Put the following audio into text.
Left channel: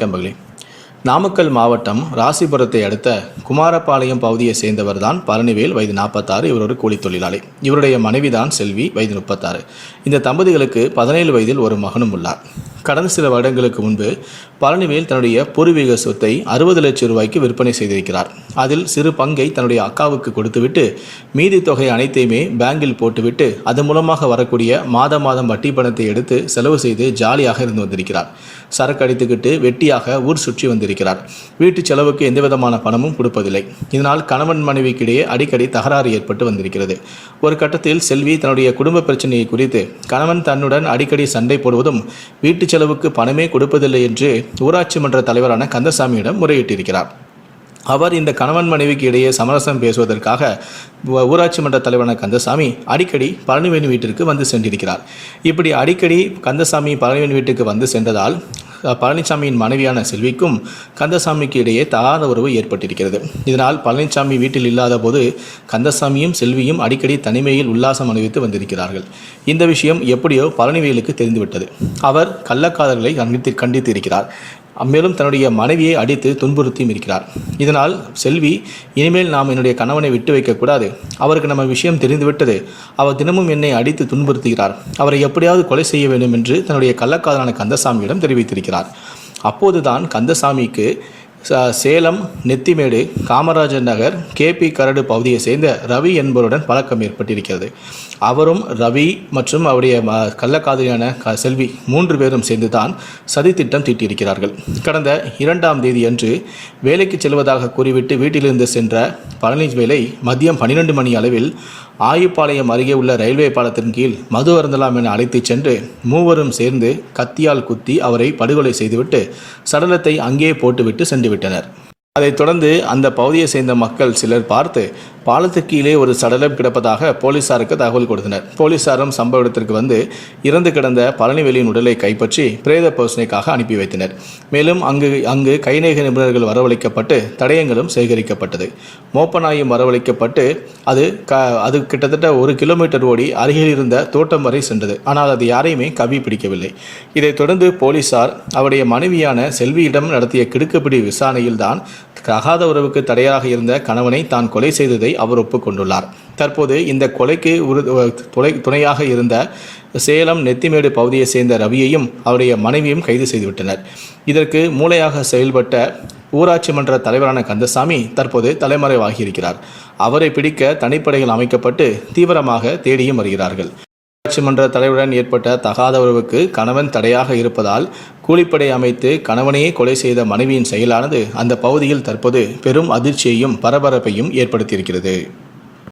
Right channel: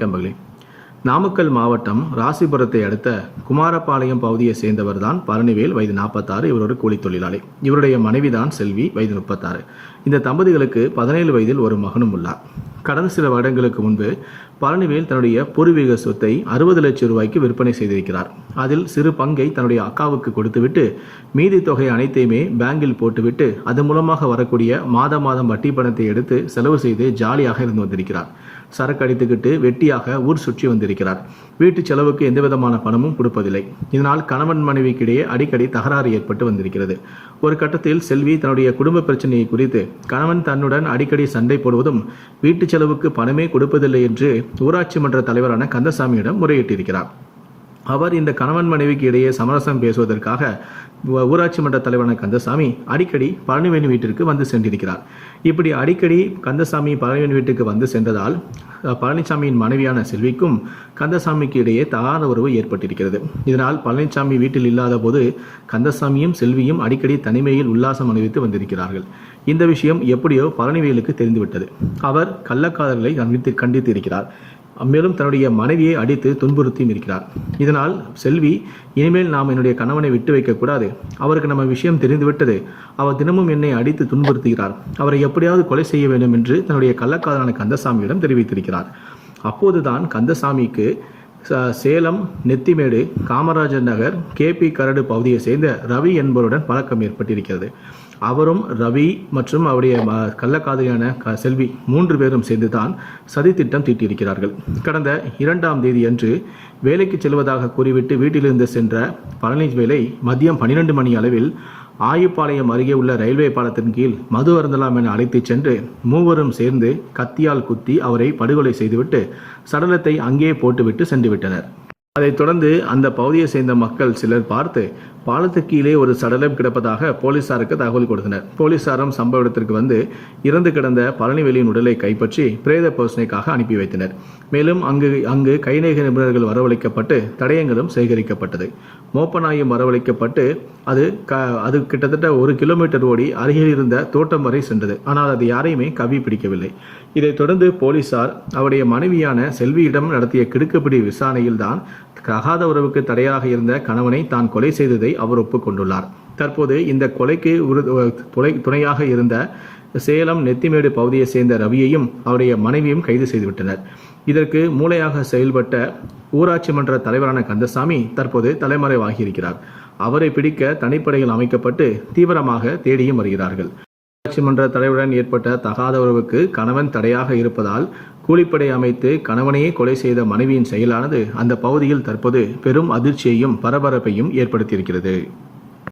கம்பகளி நாமக்கல் மாவட்டம் ராசிபுரத்தை அடுத்த குமாரபாளையம் பகுதியை சேர்ந்தவர் தான் பழனிவேல் வயது நாற்பத்தாறு இவர் ஒரு கூலித் தொழிலாளி. இவருடைய மனைவிதான் செல்வி வயது முப்பத்தாறு. இந்த தம்பதிகளுக்கு பதினேழு வயதில் ஒரு மகனும் உள்ளார். கடந்த சில வருடங்களுக்கு முன்பு பழனிவேல் தன்னுடைய பூர்வீக சொத்தை அறுபது லட்சம் ரூபாய்க்கு விற்பனை செய்திருக்கிறார். அதில் சிறு பங்கை தன்னுடைய அக்காவுக்கு கொடுத்துவிட்டு மீதி தொகை அனைத்தையுமே பேங்கில் போட்டுவிட்டு அது மூலமாக வரக்கூடிய மாத மாதம் வட்டி பணத்தை எடுத்து செலவு செய்து ஜாலியாக இருந்து வந்திருக்கிறார். சரக்கு அடித்துக்கிட்டு வெட்டியாக ஊர் சுற்றி வந்திருக்கிறார். வீட்டு செலவுக்கு எந்த விதமான பணமும் கொடுப்பதில்லை. இதனால் கணவன் மனைவிக்கிடையே அடிக்கடி தகராறு ஏற்பட்டு வந்திருக்கிறது. ஒரு கட்டத்தில் செல்வி தன்னுடைய குடும்ப பிரச்சனையை குறித்து கணவன் தன்னுடன் அடிக்கடி சண்டை போடுவதும் வீட்டு செலவுக்கு பணமே கொடுப்பதில்லை என்று ஊராட்சி மன்ற தலைவரான கந்தசாமியிடம் முறையிட்டிருக்கிறார். அவர் இந்த கணவன் மனைவிக்கு இடையே சமரசம் பேசுவதற்காக ஊராட்சி மன்ற தலைவரான கந்தசாமி அடிக்கடி பழனிவேணி வீட்டிற்கு வந்து சென்றிருக்கிறார். இப்படி அடிக்கடி கந்தசாமி பழனிவேணி வீட்டுக்கு வந்து சென்றதால் பழனிசாமியின் மனைவியான செல்விக்கும் கந்தசாமிக்கு இடையே தகாத உறவு ஏற்பட்டிருக்கிறது. இதனால் பழனிசாமி வீட்டில் இல்லாத போது கந்தசாமியும் செல்வியும் அடிக்கடி தனிமையில் உல்லாசம் அனுபவித்து வந்திருக்கிறார்கள். இந்த விஷயம் எப்படியோ பழனிவேலுக்கு தெரிந்துவிட்டது. அவர் கள்ளக்காதல்களை கண்டித்து கண்டித்து இருக்கிறார். மேலும் தன்னுடைய மனைவியை அடித்து துன்புறுத்தியும் இருக்கிறார். இதனால் செல்வி இனிமேல் நாம் என்னுடைய கணவனை விட்டு வைக்கக்கூடாது அவருக்கு நம்ம விஷயம் தெரிந்துவிட்டது. அவர் தினமும் என்னை அடித்து துன்புறுத்துகிறார். அவரை எப்படியாவது கொலை செய்ய வேண்டும் என்று தன்னுடைய கள்ளக்காதலான கந்தசாமியிடம் தெரிவித்திருக்கிறார். அப்போதுதான் கந்தசாமிக்கு ச- சேலம் நெத்திமேடு காமராஜர் நகர் கேபி கரடு பகுதியை சேர்ந்த ரவி என்பவருடன் பழக்கம் ஏற்பட்டிருக்கிறது. அவரும் ரவி மற்றும் அவருடைய ம- கள்ளக்காதலியான க செல்வி மூன்று பேரும் சேர்ந்து தான் சதித்திட்டம் தீட்டியிருக்கிறார்கள். கடந்த இரண்டாம் தேதி அன்று வேலைக்கு செல்வதாக கூறிவிட்டு வீட்டிலிருந்து சென்ற பழனிவேலை மதியம் பன்னிரண்டு மணி அளவில் ஆயுப்பாளையம் அருகே உள்ள ரயில்வே பாலத்தின் கீழ் மது அருந்தலாம் என அழைத்துச் சென்று மூவரும் சேர்ந்து கத்தியால் குத்தி அவரை படுகொலை செய்துவிட்டு சடலத்தை அங்கே போட்டுவிட்டு சென்றுவிட்டனர். அதைத் தொடர்ந்து அந்த பகுதியை சேர்ந்த மக்கள் சிலர் பார்த்து பாலத்துக்கு கீழே ஒரு சடலம் கிடப்பதாக போலீசாருக்கு தகவல் கொடுத்தனர். போலீசாரும் சம்பவ இடத்திற்கு வந்து இறந்து கிடந்த பழனிவேலியின் உடலை கைப்பற்றி பிரேத பரிசோதனைக்காக அனுப்பி வைத்தனர். மேலும் அங்கு அங்கு கைநேக நிபுணர்கள் வரவழைக்கப்பட்டு தடயங்களும் சேகரிக்கப்பட்டது. மோப்பநாயும் வரவழைக்கப்பட்டு அது க அது கிட்டத்தட்ட ஒரு கிலோமீட்டர் ஓடி அருகில் இருந்த தோட்டம் வரை சென்றது. ஆனால் அது யாரையுமே கவி பிடிக்கவில்லை. இதைத் தொடர்ந்து போலீசார் அவருடைய மனைவியான செல்வியிடம் நடத்திய கிடுக்குப்பிடி விசாரணையில்தான் தகாத உறவுக்கு தடையாக இருந்த கணவனை தான் கொலை செய்ததை அவர் ஒப்புக்கொண்டுள்ளார். தற்போது இந்த கொலைக்கு உரு துணை துணையாக இருந்த சேலம் நெத்திமேடு பகுதியை சேர்ந்த ரவியையும் அவருடைய மனைவியும் கைது செய்துவிட்டனர். இதற்கு மூளையாக செயல்பட்ட ஊராட்சி மன்ற தலைவரான கந்தசாமி தற்போது தலைமறைவாகியிருக்கிறார். அவரை பிடிக்க தனிப்படைகள் அமைக்கப்பட்டு தீவிரமாக தேடியும் வருகிறார்கள். உள்ளாட்சி மன்ற தலைவருடன் ஏற்பட்ட தகாத உறவுக்கு கணவன் தடையாக இருப்பதால் கூலிப்படை அமைத்து கணவனையே கொலை செய்த மனைவியின் செயலானது அந்த பகுதியில் தற்போது பெரும் அதிர்ச்சியையும் பரபரப்பையும் ஏற்படுத்தியிருக்கிறது.